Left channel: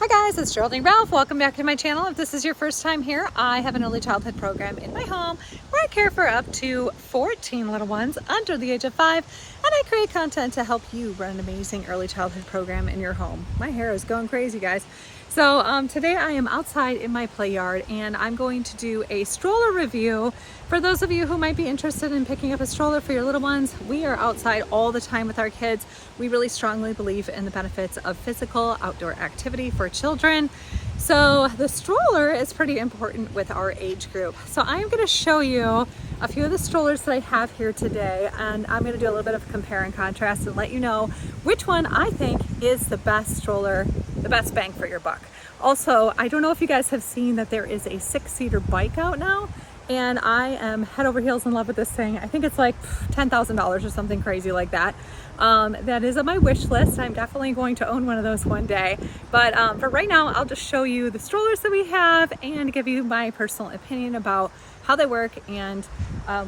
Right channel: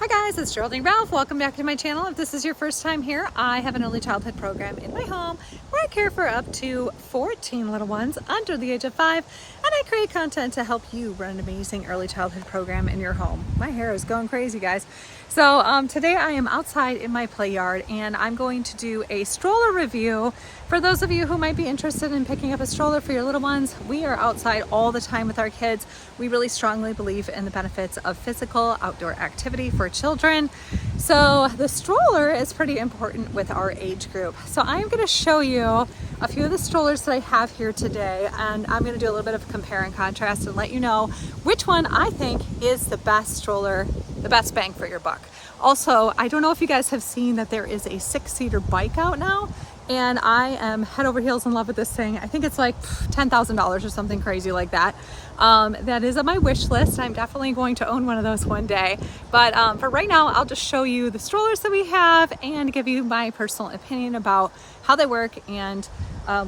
Hi guys, it's Geraldine Ralph. Welcome back to my channel. If this is your first time here, I have an early childhood program in my home where I care for up to 14 little ones under the age of 5, and I create content to help you run an amazing early childhood program in your home. My hair is going crazy, guys. So today I am outside in my play yard and I'm going to do a stroller review. For those of you who might be interested in picking up a stroller for your little ones, we are outside all the time with our kids. We really strongly believe in the benefits of physical outdoor activity for children. So the stroller is pretty important with our age group. So I'm going to show you a few of the strollers that I have here today, and I'm going to do a little bit of compare and contrast and let you know which one I think is the best stroller, the best bang for your buck. Also, I don't know if you guys have seen that there is a 6-seater bike out now, and I am head over heels in love with this thing. I think it's like $10,000 or something crazy like that. That is on my wish list. I'm definitely going to own one of those one day. But for right now, I'll just show you the strollers that we have and give you my personal opinion about how they work and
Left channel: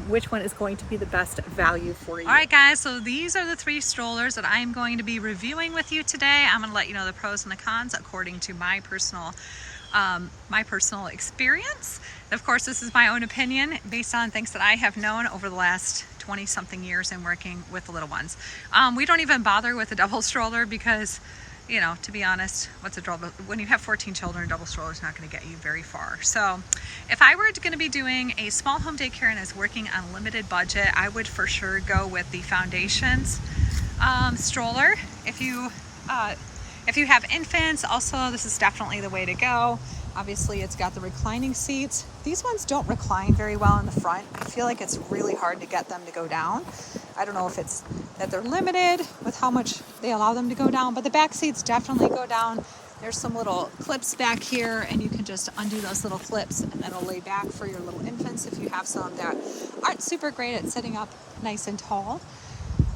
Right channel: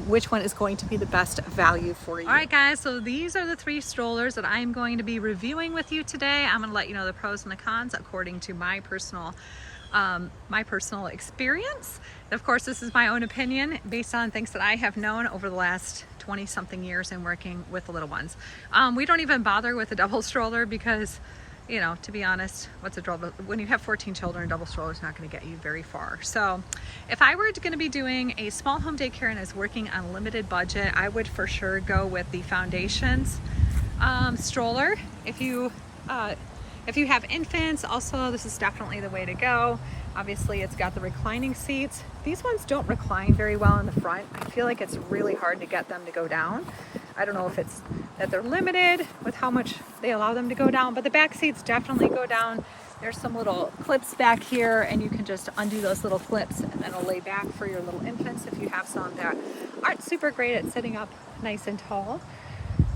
which one is going to be the best value for you. All right, guys, so these are the 3 strollers that I'm going to be reviewing with you today. I'm going to let you know the pros and the cons according to my personal experience. Of course, this is my own opinion based on things that I have known over the last 20 something years in working with the little ones. We don't even bother with a double stroller because, you know, to be honest, what's a double? When you have 14 children, a double stroller is not going to get you very far. So if I were going to be doing a small home daycare and is working on limited budget, I would for sure go with the Foundations stroller. If you have infants, also this is definitely the way to go. Obviously it's got the reclining seats. These ones don't recline very well in the front. I feel like it's really hard to get them to go down. I don't know if it's that they're limited with how much they allow them to go down, but the back seats definitely go down. There's some little clips back here and you can just undo those little clips and then it'll lay back for your little infants if you have some that aren't super great at sitting up nice and tall.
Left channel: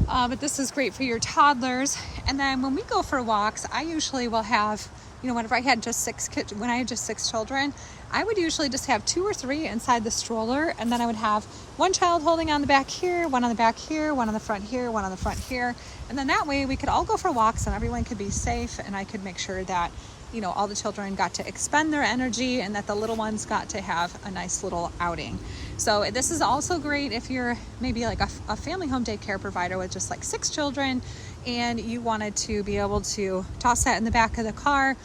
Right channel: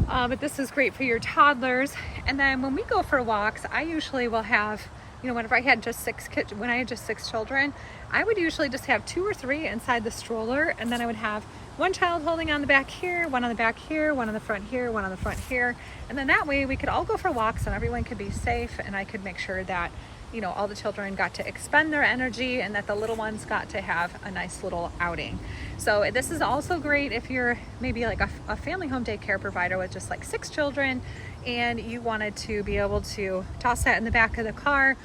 But this is great for your toddlers. And then when we go for walks, I usually will have, you know, whenever I had just 6 kids, when I had just 6 children, I would usually just have 2 or 3 inside the stroller, and then I would have one child holding on the back here, one on the back here, one on the front here, one on the front here, and then that way we could all go for walks and everyone could be safe, and I could make sure that, you know, all the children got to expend their energy and that the little ones got to have a nice little outing. So this is also great if you're maybe like a family home daycare provider with just like 6 children and you wanted to be able to toss that in the back of the car.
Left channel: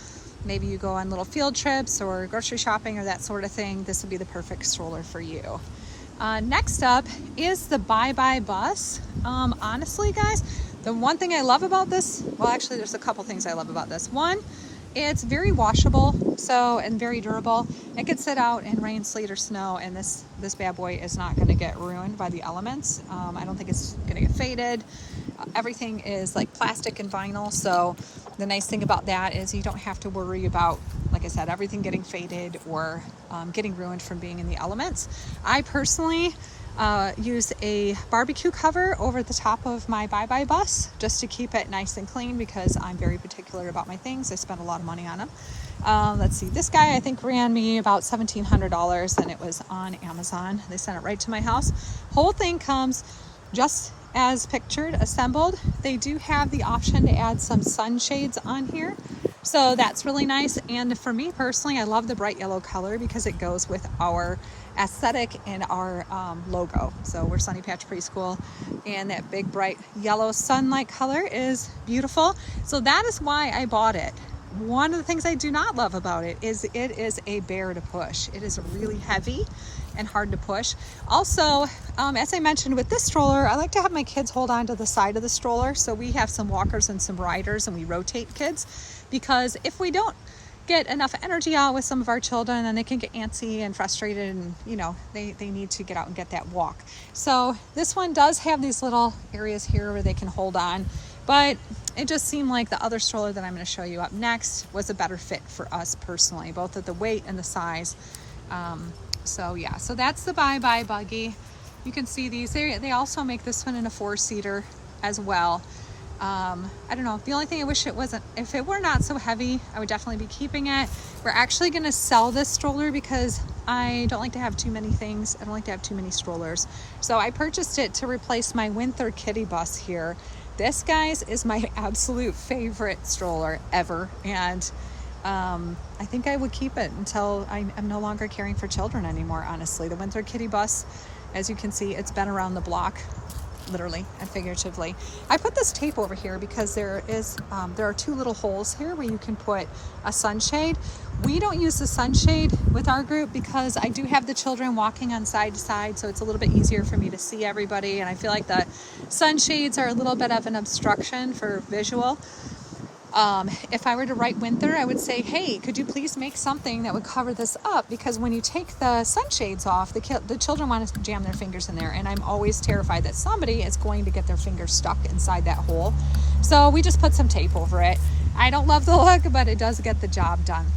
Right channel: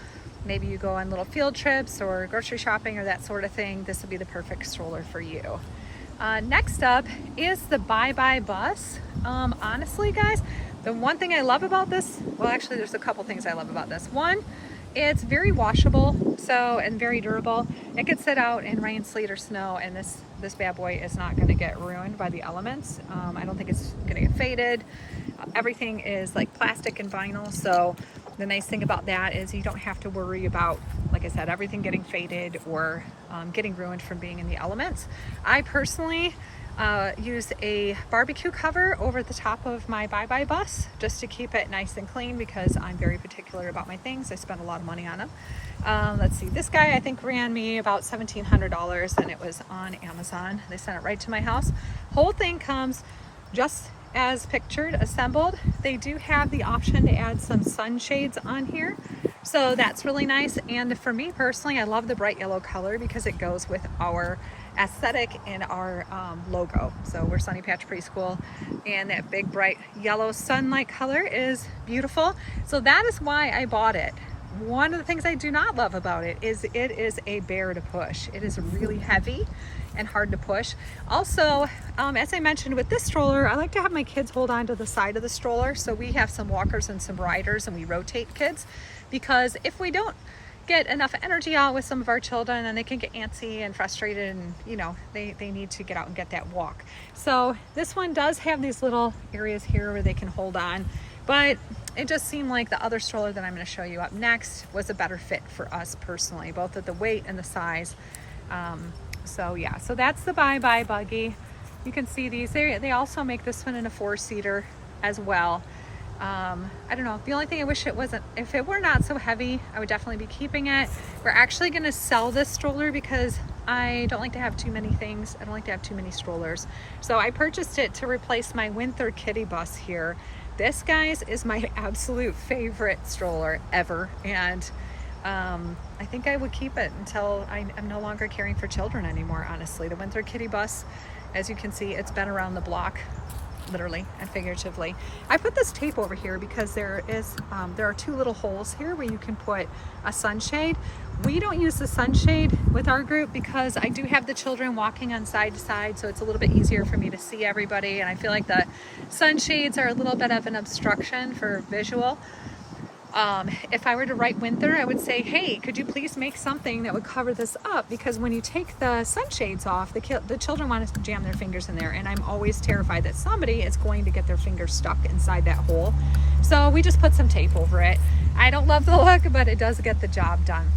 Maybe you go on little field trips or grocery shopping or that sort of thing. This would be the perfect stroller for you. Next up is the Bye bus. Honestly, guys, the one thing I love about this, well, actually there's a couple things I love about this. One, it's very washable, and very durable. It could sit out in rain, sleet, or snow, and this bad boy is not going to get ruined by the elements. I don't think it's going to get faded. Everything is like plastic and vinyl, so the nice thing about that is you don't have to worry about, like I said, everything getting faded or getting ruined from being in the elements. I personally use a barbecue cover over the top of my Bye bus just to keep it nice and clean because I'm very particular about my things. I spend a lot of money on them. Let's see, this guy I think ran me about $1,700 and it was on Amazon. They sent it right to my house. Whole thing comes just as pictured, assembled. They do have the option to add some sunshades on here, so that's really nice. And for me personally, I love the bright yellow color because it goes with our aesthetic and our logo. So we're Sunny Patch Preschool, and that big bright yellow sunlight color is beautiful. So that is why I bought it. One of the things I do not love about it is a bear to push. It is really heavy and hard to push. Also, as I mentioned with this stroller, I like to have my kids hold on to the side of the stroller. So we have some walkers and some riders and we rotate kids, because if we don't get enough energy out with some of our children, and they can get antsy and frustrated, and you know, they need to get out and get that walk. So this one does have these little areas here where they can hold on, but it just seemed like the other stroller that I'm going to show you up next was a better fit for us personally, both at the weight and the size. So yeah, so that's the Bye Buggy. You can see these. They also make this one in a 4-seater as well. I don't know, the only thing I wish it wasn't, if it were not so heavy, I would definitely be keeping it. We're actually going to sell this stroller because I don't like to have too many things. I don't like to have too many strollers. So I purchased it to replace my Winther Kiddie bus here. This, guys, is my absolute favorite stroller ever. And I think I would keep it until I'm no longer caring for children anymore, honestly. The Winther Kiddie bus, as you can see, it's been around the block, literally and figuratively. I put this tape over here because there are two little holes here where you can put a sunshade. We don't use the sunshade with our group because I do have the children walking on side to side, so it's a little bit easier for me to see everybody, and I feel like the sunshades are a little bit of an obstruction for visual. If I were to write Winther, I would say, hey, could you please make something that would cover this up? Because when you take the sunshades off, the children want to jam their fingers in there, and I'm always terrified that somebody is going to get their fingers stuck inside that hole. So we just put some tape over it. I don't love the look, but it does get the job done.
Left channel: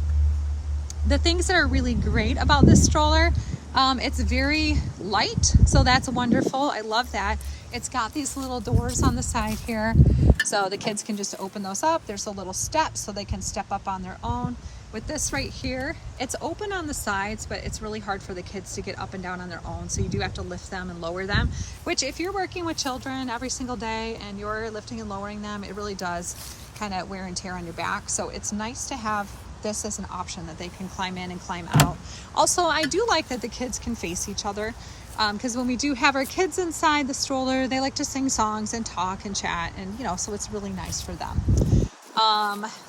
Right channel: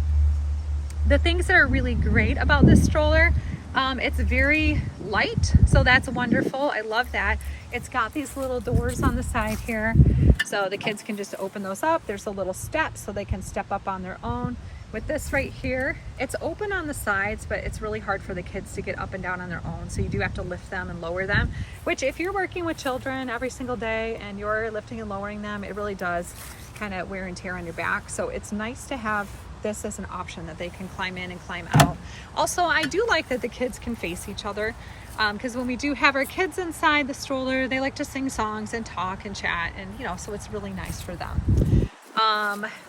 The things that are really great about this stroller, it's very light, so that's wonderful. I love that. It's got these little doors on the side here, so the kids can just open those up. There's a little step so they can step up on their own. With this right here, it's open on the sides, but it's really hard for the kids to get up and down on their own, so you do have to lift them and lower them, which if you're working with children every single day and you're lifting and lowering them, it really does kind of wear and tear on your back. So it's nice to have this as an option that they can climb in and climb out. Also, I do like that the kids can face each other, because when we do have our kids inside the stroller, they like to sing songs and talk and chat, and so it's really nice for them.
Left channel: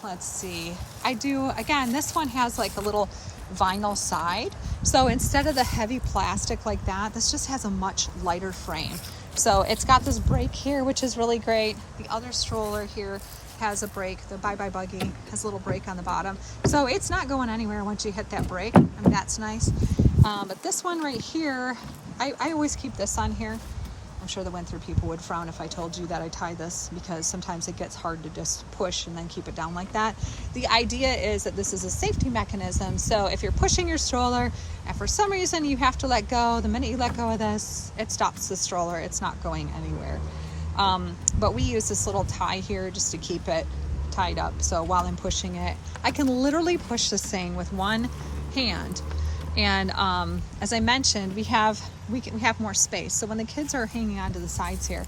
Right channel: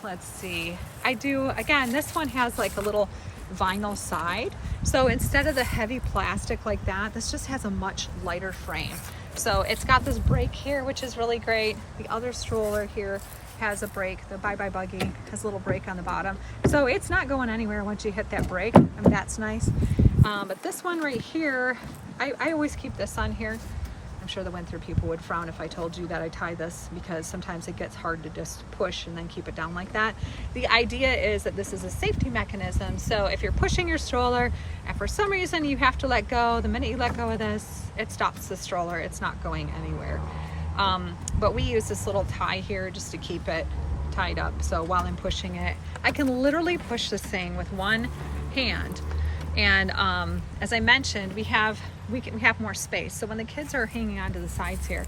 Let's see, again, this one has like a little vinyl side, so instead of the heavy plastic like that, this just has a much lighter frame. So it's got this brake here, which is really great. The other stroller here has a brake. The Bye Buggy has a little brake on the bottom, so it's not going anywhere once you hit that brake. I mean, that's nice. But this one right here, I always keep this on here. I'm sure the Winther people would frown if I told you that I tie this, because sometimes it gets hard to just push and then keep it down like that. The idea is that this is a safety mechanism, so if you're pushing your stroller and for some reason you have to let go, the minute you let go of this, it stops the stroller. It's not going anywhere. But we use this little tie here just to keep it tied up, so while I'm pushing it, I can literally push this thing with one hand. And as I mentioned, we have more space, so when the kids are hanging on to the sides here,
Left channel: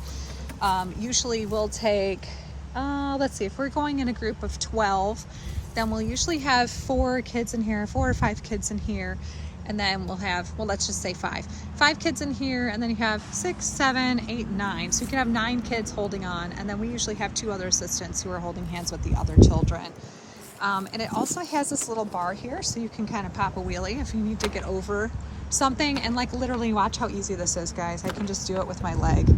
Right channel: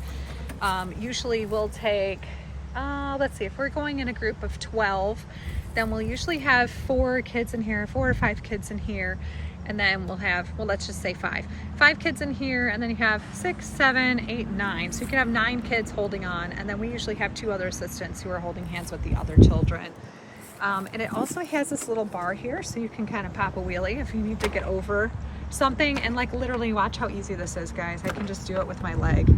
usually we'll take, let's see, if we're going in a group of 12, then we'll usually have 4 kids in here, 4 or 5 kids in here, and then we'll have, well, let's just say 5 kids in here, and then you have 6, 7, 8, 9, so you can have 9 kids holding on, and then we usually have 2 other assistants who are holding hands with the other children. And it also has this little bar here, so you can kind of pop a wheelie if you need to get over something. And like literally, watch how easy this is, guys. I can just do it with my leg.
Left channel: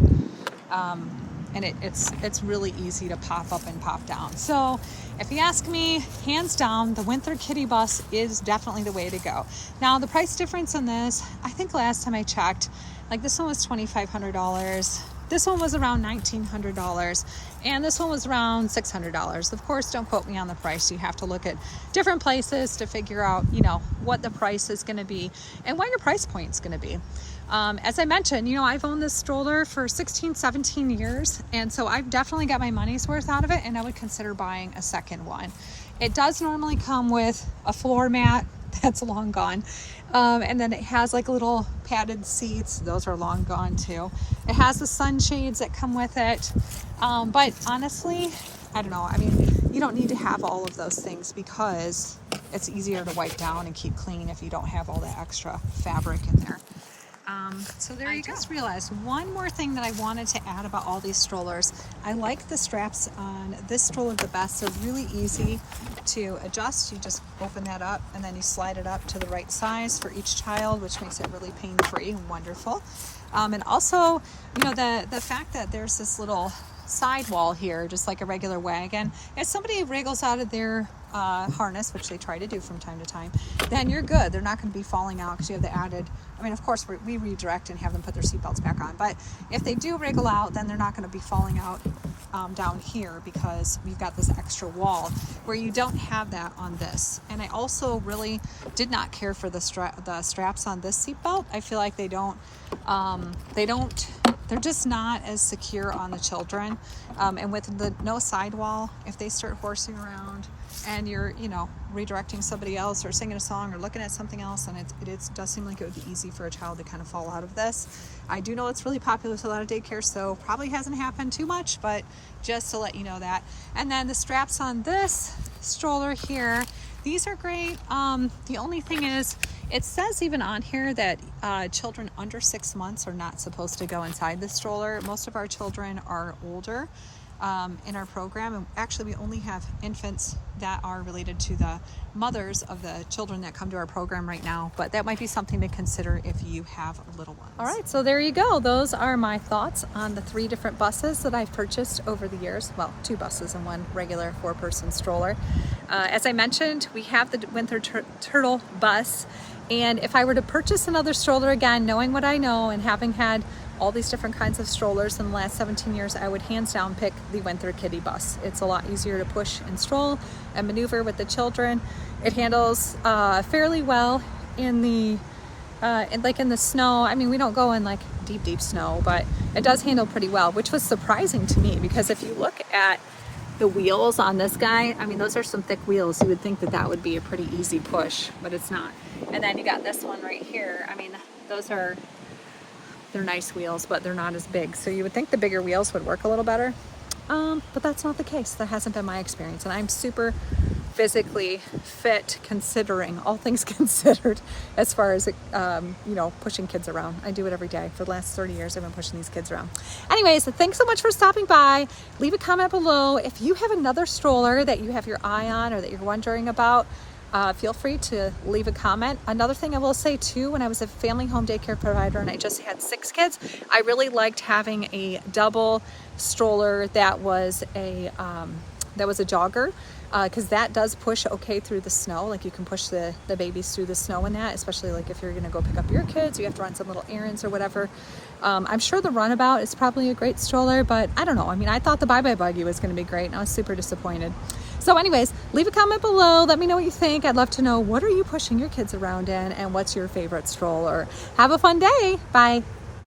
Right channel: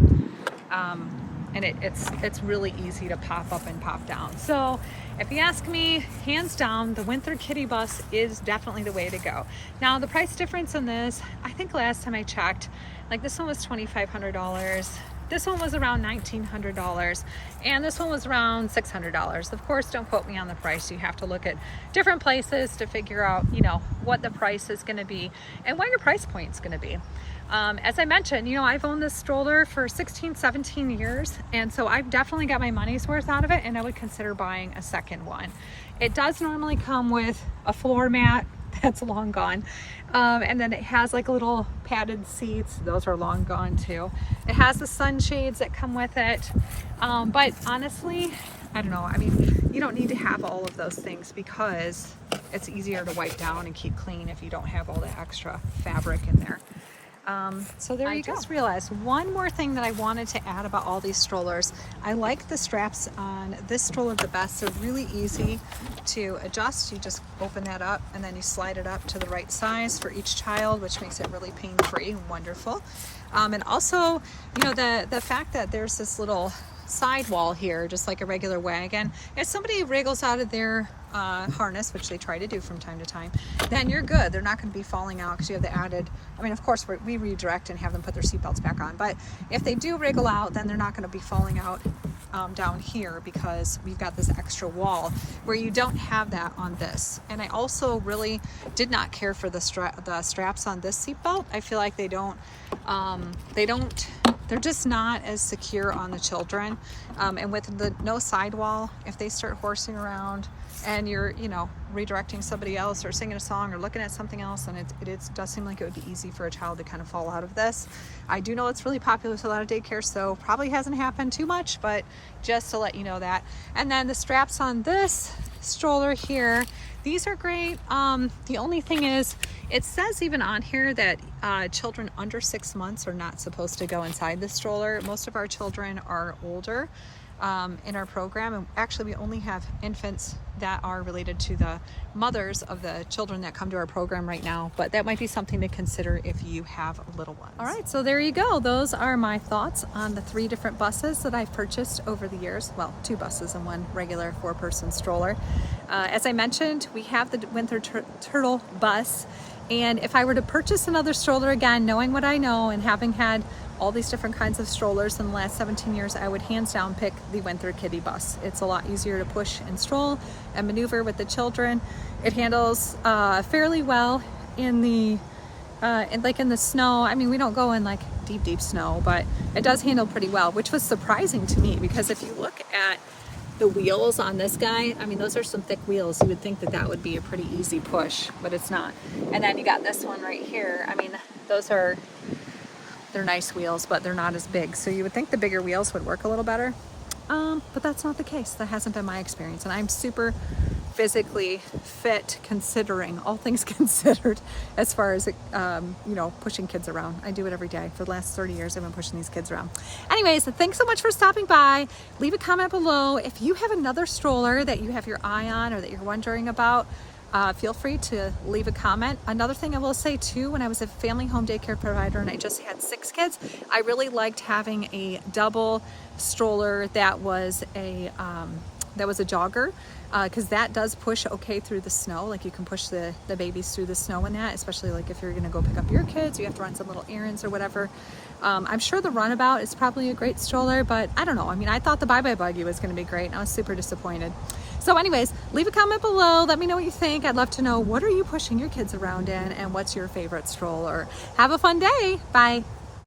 And it's really easy to pop up and pop down. So if you ask me, hands down, the Winther Kiddie bus is definitely the way to go. Now the price difference on this, I think last time I checked, like this one was $2,500. This one was around $1,900, and this one was around $600. Of course, don't quote me on the price. You have to look at different places to figure out, what the price is going to be and what your price point is going to be. As I mentioned, I've owned this stroller for 16, 17 years, and so I've definitely got my money's worth out of it, and I would consider buying a second one. It does normally come with a floor mat that's long gone. And then it has like little padded seats. Those are long gone too. It has the sunshades that come with it. But honestly, I don't know. I mean, you don't need to have all of those things because it's easier to wipe down and keep clean if you don't have all that extra fabric in there. So there you go. I just realized one more thing that I wanted to add about all these strollers. I like the straps on this stroller the best. They're really easy to adjust. You just open that up and then you slide it up to the right size for each child, which makes it really pain-free and wonderful. And also, the fact that there's this little sidewall here, just like a regular wagon, if somebody wriggles out of their harness, which they try to do from time to time, then you're good. They're not going to be falling out because you have the added, of course we redirect and have them put their seatbelts back on, but if they do wriggle out, then they're not going to be falling out down here because we've got this extra wall where you don't have that on this. And I also really did not care for the straps on this seatbelt. I feel like they're just not as secure on the children. And with the no sidewall, if they start horsing around and you're, redirecting somebody else or singing a song or looking at something else, and it does seem like it would be easy for a child to kind of fall out of this. I do know it's really popular with a lot of daycare, so probably hasn't happened too much, but just to let you know that. And then the straps on this stroller here, These are great. The only thing is, it says even on here that children under 6 months are not supposed to go inside the stroller. Most of our children are older in our program, and actually we only have infants that are related to the mothers of the children that come to our program right now, but that might be something to consider if you have little ones. All right, so there you go. Those are my thoughts on the 3 different buses that I've purchased over the years. Well, 2 buses and 1 regular 4-person stroller. As I mentioned, we have the Winther Turtle bus, and if I were to purchase another stroller again, knowing what I know and having had all these different kinds of strollers in the last 17 years, I would hands down pick the Winther Kiddie bus. It's a lot easier to push and stroll and maneuver with the children. It handles fairly well in the in the snow. I mean, we don't go in like deep snow, but it does handle pretty well, which was surprising to me, because if you look at the wheels on this guy, I mean, those are some thick wheels. You would think that that would be a pretty easy push, but it's not. And then you got this one right here. I mean, they're nice wheels, but they're not as big. So you would think the bigger wheels would work a little better. But that's not the case. That hasn't been my experience. And I'm super physically fit, considering all things considered, as far as, you know, pushing kids around. I do it every day. For the last 30 years, I've been pushing these kids around. Anyways, thanks so much for stopping by. Leave a comment below. If you have another stroller that you have your eye on or that you're wondering about, feel free to leave a comment. Another thing I will say too, when I was a family home daycare provider and I just had 6 kids, I really liked having a double stroller that was a jogger, because that does push okay through the snow. Like, you can push the babies through the snow in that, especially like if you're gonna go pick up your kids, you have to run some little errands or whatever. I'm sure the Runabout is probably a great stroller, but I don't know. I mean, I thought the Bye Buggy was gonna be great, and I was super disappointed. So anyways, leave a comment below. Let me know what you think. I'd love to know, what are you pushing your kids around in, and what's your favorite stroller? Have a fun day. Bye.